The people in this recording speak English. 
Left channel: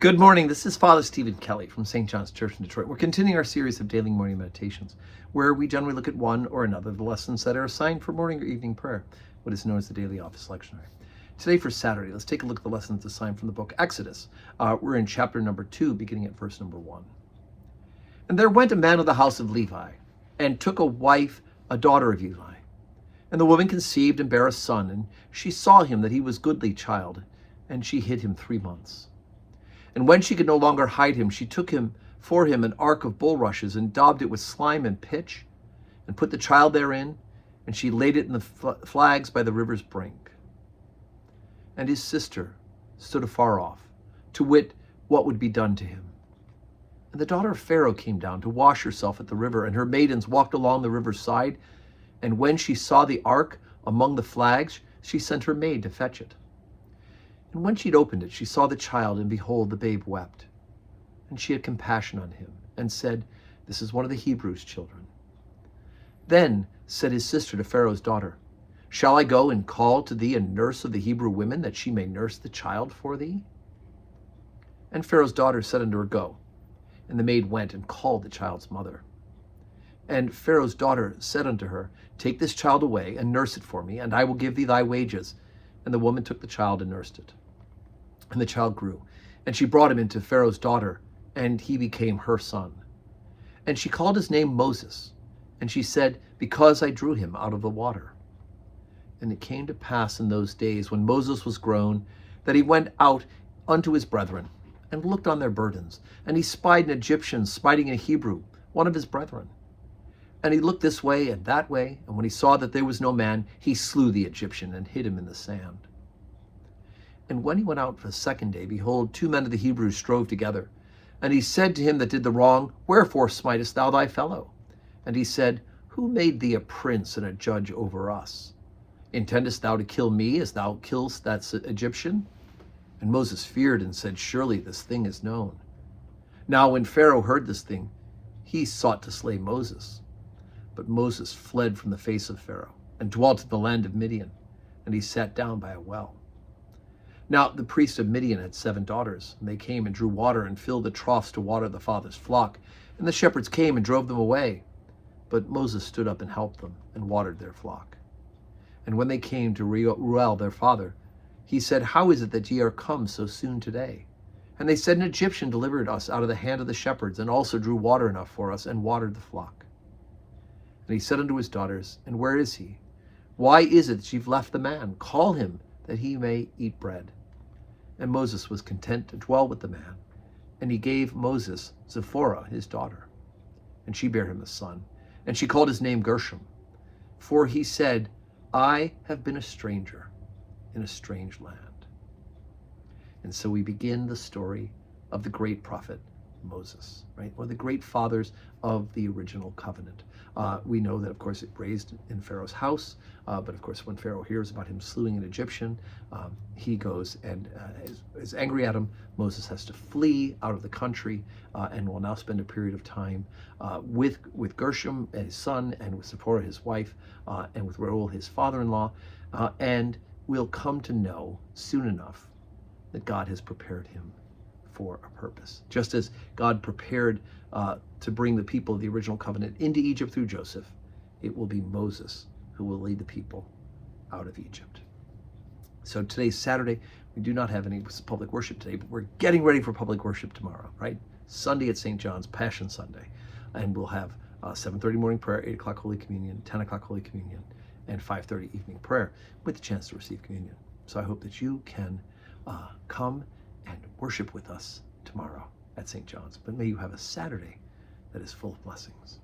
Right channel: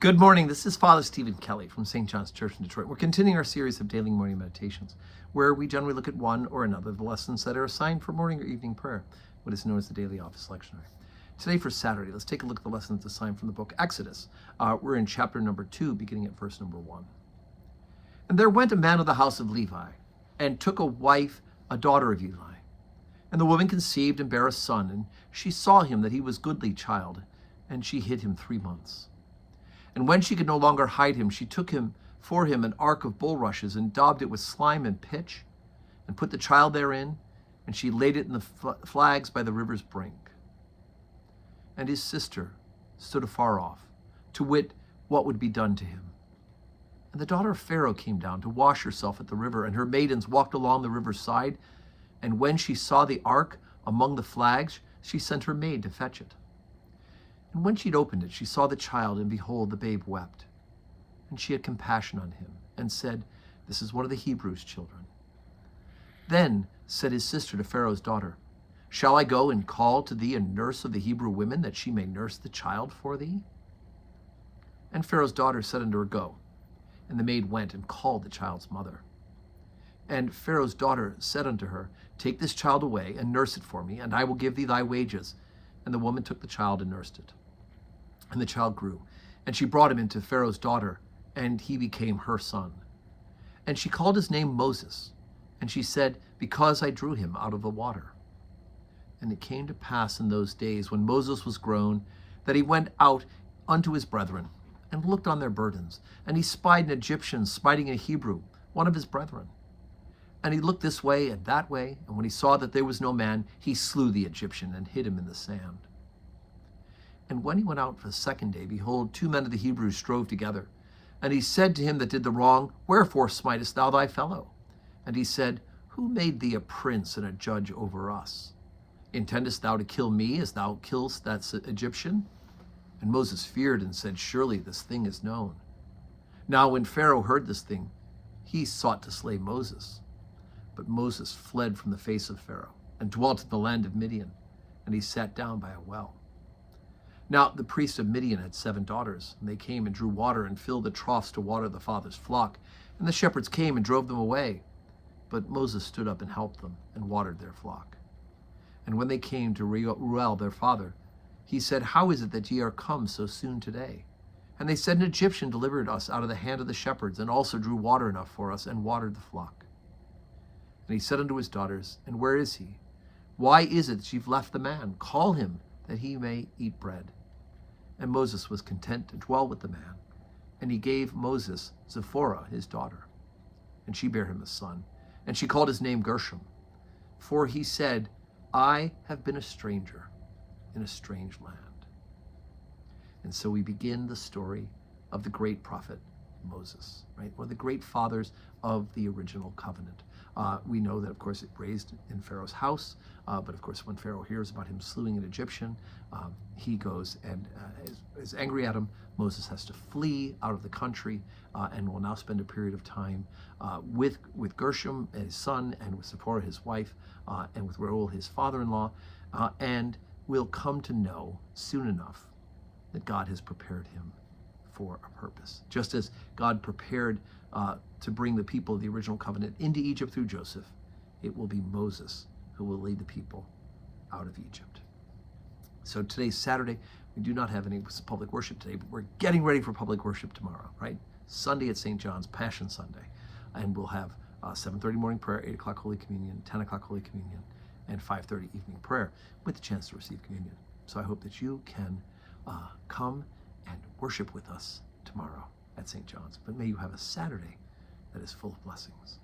Good morning. This is Father Stephen Kelly from St. John's Church in Detroit. We're continuing our series of daily morning meditations, where we generally look at one or another of the lessons that are assigned for morning or evening prayer, what is known as the daily office lectionary. Today for Saturday, let's take a look at the lessons assigned from the book Exodus. We're in chapter number 2, beginning at verse number 1. And there went a man of the house of Levi, and took a wife, a daughter of Eli. And the woman conceived and bare a son, and she saw him that he was goodly child, and she hid him 3 months. And when she could no longer hide him, she took him for him an ark of bulrushes, and daubed it with slime and pitch, and put the child therein, and she laid it in the flags by the river's brink. And his sister stood afar off, to wit what would be done to him. And the daughter of Pharaoh came down to wash herself at the river, and her maidens walked along the river's side. And when she saw the ark among the flags, she sent her maid to fetch it. And when she had opened it, she saw the child, and behold, the babe wept. And she had compassion on him, and said, This is one of the Hebrews' children. Then said his sister to Pharaoh's daughter, Shall I go and call to thee a nurse of the Hebrew women, that she may nurse the child for thee? And Pharaoh's daughter said unto her, Go. And the maid went and called the child's mother. And Pharaoh's daughter said unto her, Take this child away, and nurse it for me, and I will give thee thy wages. And the woman took the child and nursed it. And the child grew, and she brought him into Pharaoh's daughter, and he became her son. And she called his name Moses, and she said, Because I drew him out of the water. And it came to pass in those days, when Moses was grown, that he went out unto his brethren, and looked on their burdens. And he spied an Egyptian smiting a Hebrew, one of his brethren. And he looked this way and that way, and when he saw that there was no man, he slew the Egyptian, and hid him in the sand. And when he went out for the second day, behold, 2 men of the Hebrews strove together. And he said to him that did the wrong, Wherefore smitest thou thy fellow? And he said, Who made thee a prince and a judge over us? Intendest thou to kill me as thou killest that Egyptian? And Moses feared and said, Surely this thing is known. Now when Pharaoh heard this thing, he sought to slay Moses. But Moses fled from the face of Pharaoh, and dwelt in the land of Midian, and he sat down by a well. Now the priest of Midian had 7 daughters, and they came and drew water, and filled the troughs to water the father's flock. And the shepherds came and drove them away. But Moses stood up and helped them, and watered their flock. And when they came to Reuel their father, he said, How is it that ye are come so soon today? And they said, An Egyptian delivered us out of the hand of the shepherds, and also drew water enough for us, and watered the flock. And he said unto his daughters, And where is he? Why is it that you've left the man? Call him, that he may eat bread. And Moses was content to dwell with the man. And he gave Moses Zipporah his daughter. And she bare him a son. And she called his name Gershom. For he said, I have been a stranger in a strange land. And so we begin the story of the great prophet Moses, right? One of the great fathers of the original covenant. We know that, of course, it raised in Pharaoh's house, but of course, when Pharaoh hears about him slewing an Egyptian, he goes and is angry at him. Moses has to flee out of the country and will now spend a period of time with Gershom, his son, and with Zipporah, his wife, and with Reuel, his father-in-law, and will come to know soon enough that God has prepared him for a purpose. Just as God prepared to bring the people of the original covenant into Egypt through Joseph, it will be Moses who will lead the people out of Egypt. So today's Saturday. We do not have any public worship today, but we're getting ready for public worship tomorrow, right? Sunday at St. John's, Passion Sunday. And we'll have 7:30 morning prayer, 8 o'clock Holy Communion, 10 o'clock Holy Communion, and 5:30 evening prayer with the chance to receive communion. So I hope that you can come and worship with us tomorrow at St. John's. But may you have a Saturday that is full of blessings.